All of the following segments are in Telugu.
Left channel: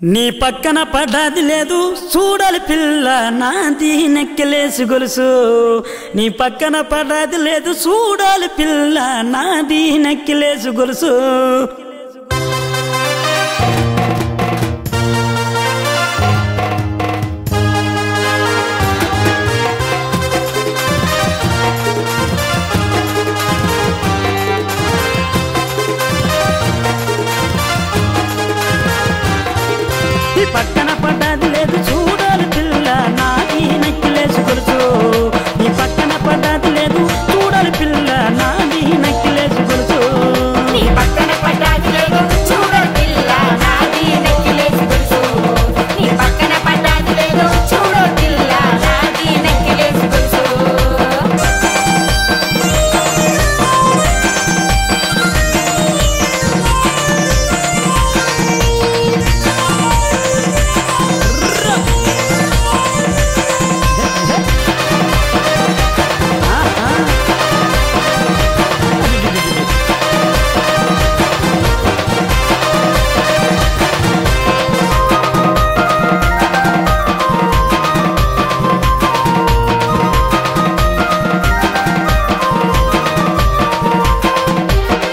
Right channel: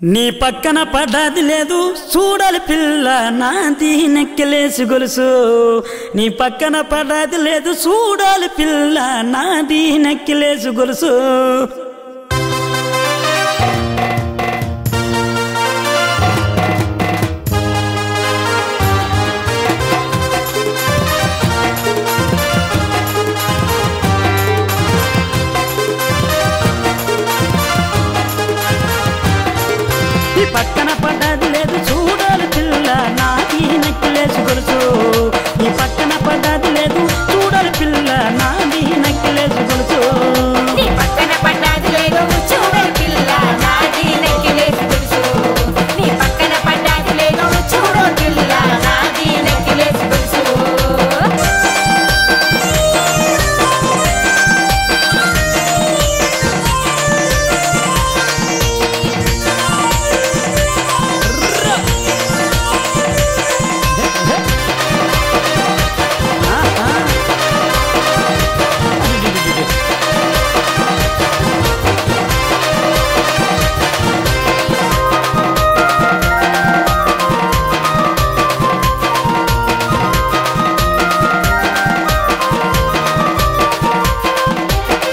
నీ పక్కన పడ్డది లేదు చూడాలి పిల్ల నాది నెక్కిలేసి గొలుసు నీ పక్కన పడ్డది లేదు చూడాలి పిల్ల నాది నెక్కిలేసి గొలుసు పక్కన పడ్డది లేదు చూడాలి పిల్ల నాది నెక్కిలేసి గొలుసు నీ పక్కన పడ్డది లేదు చూడాలి పిల్ల నాది నెక్కిలేసి గొలుసు నీ పక్కన పడ్డది లేదు చూడాలి పిల్ల నాది నెక్కిలేసి గొలుసు నీ పక్కన పడ్డది లేదు చూడాలి పిల్ల నాది నెక్కిలేసి గొలుసు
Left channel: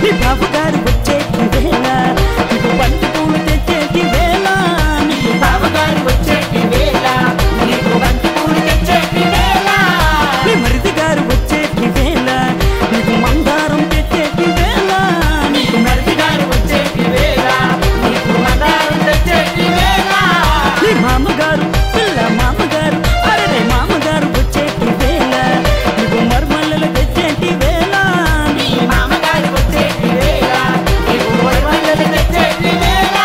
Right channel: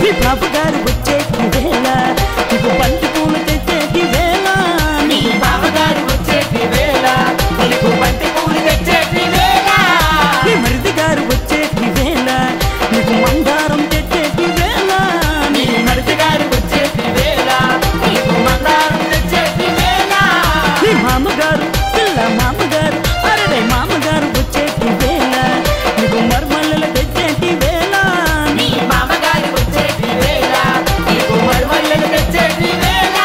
నీ బాబుగారు వచ్చేటి వేళ నీకు బంతి పూలు తెచ్చేటి వేళ నీకు బావగారు వచ్చేటి వేళ నీకు బంతి పూలు తెచ్చేటి వేళ నీ మరిది గారు వచ్చేటి వేళ నీకు మందారం తెచ్చేటి వేళ నీకు మరిది గారు వచ్చేటి వేళ నీకు మందారం తెచ్చేటి వేళ నీ మామగారు పిల్ల మామగారు అరే మామగారు వచ్చేటి వేళ నీకు మర్మల్లలు తెచ్చేటి వేళ నీ మామగారు వచ్చేటి వేళ నీకు మరువలు తెచ్చేటి వేళ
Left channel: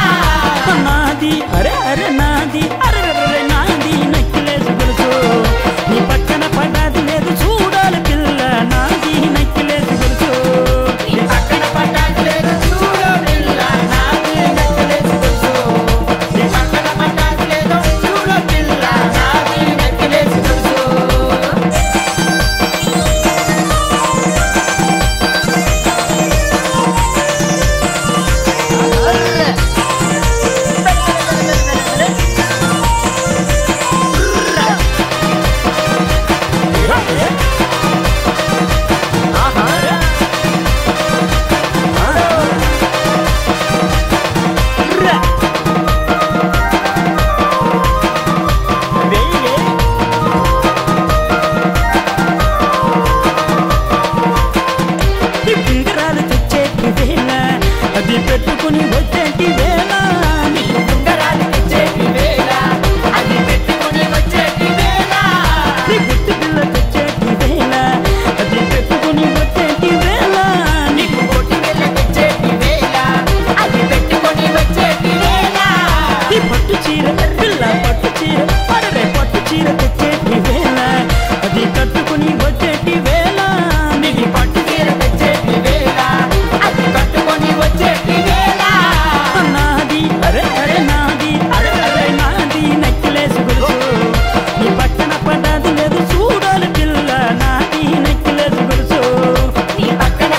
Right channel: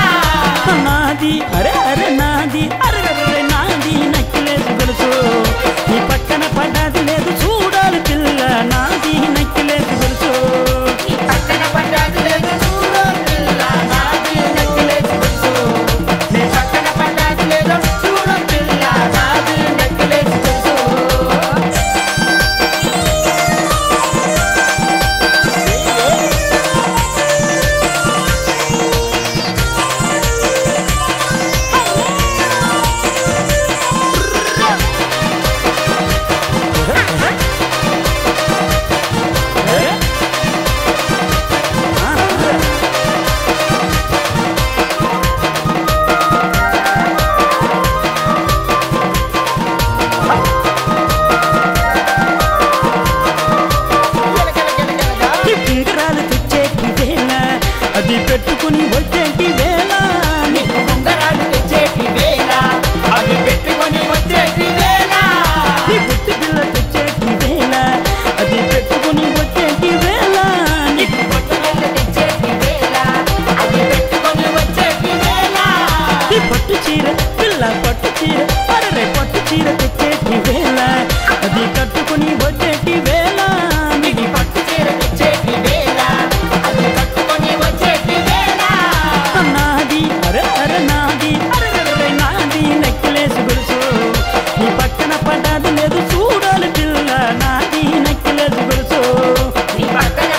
నాది అరే నాది అరే నాది నక్కిలేసి గొలుసు నీ పక్కన పడ్డది లేదు చూడాలి పిల్ల నాది నక్కిలేసి గొలుసు నీ పక్కన పడ్డది లేదు చూడు పిల్ల నాది నెక్కిలేసి గొలుసు నీ పక్కన పడ్డది లేదు చూడు పిల్ల నాది నెక్కిలేసి గొలుసు అరే ఈ ఉంగరాలు తెచ్చేటి వేళ అది పెట్టుకుని వచ్చేటి వేళ నీ ఉంగరాలు తెచ్చేటి వేళ అవి పెట్టుకొని వచ్చేటి వేళ నీ పుట్టి పిల్ల తెచ్చేటి వేళ అది పెట్టుకుని వచ్చేటి వేళ నీకు బొట్టు వెళ్ళ తెచ్చేటి వేళ అది పెట్టుకొని వచ్చేటి వేళ నీ పట్టు చీర పిల్ల పట్టు చీర అరే పట్టు చీర తెచ్చేటి వేళ అది కట్టుకుని వచ్చేటి వేళ నీకు పట్టు చీర తెచ్చేటి వేళ అది కట్టుకొని వచ్చేటి వేళ నాది అరే నాది అరే నాది నెక్కిలేసి గొలుసు నీ పక్కన పడ్డది లేదు చూడాలి పిల్ల నాది నెక్కిలేసి గొలుసు నీ పక్కన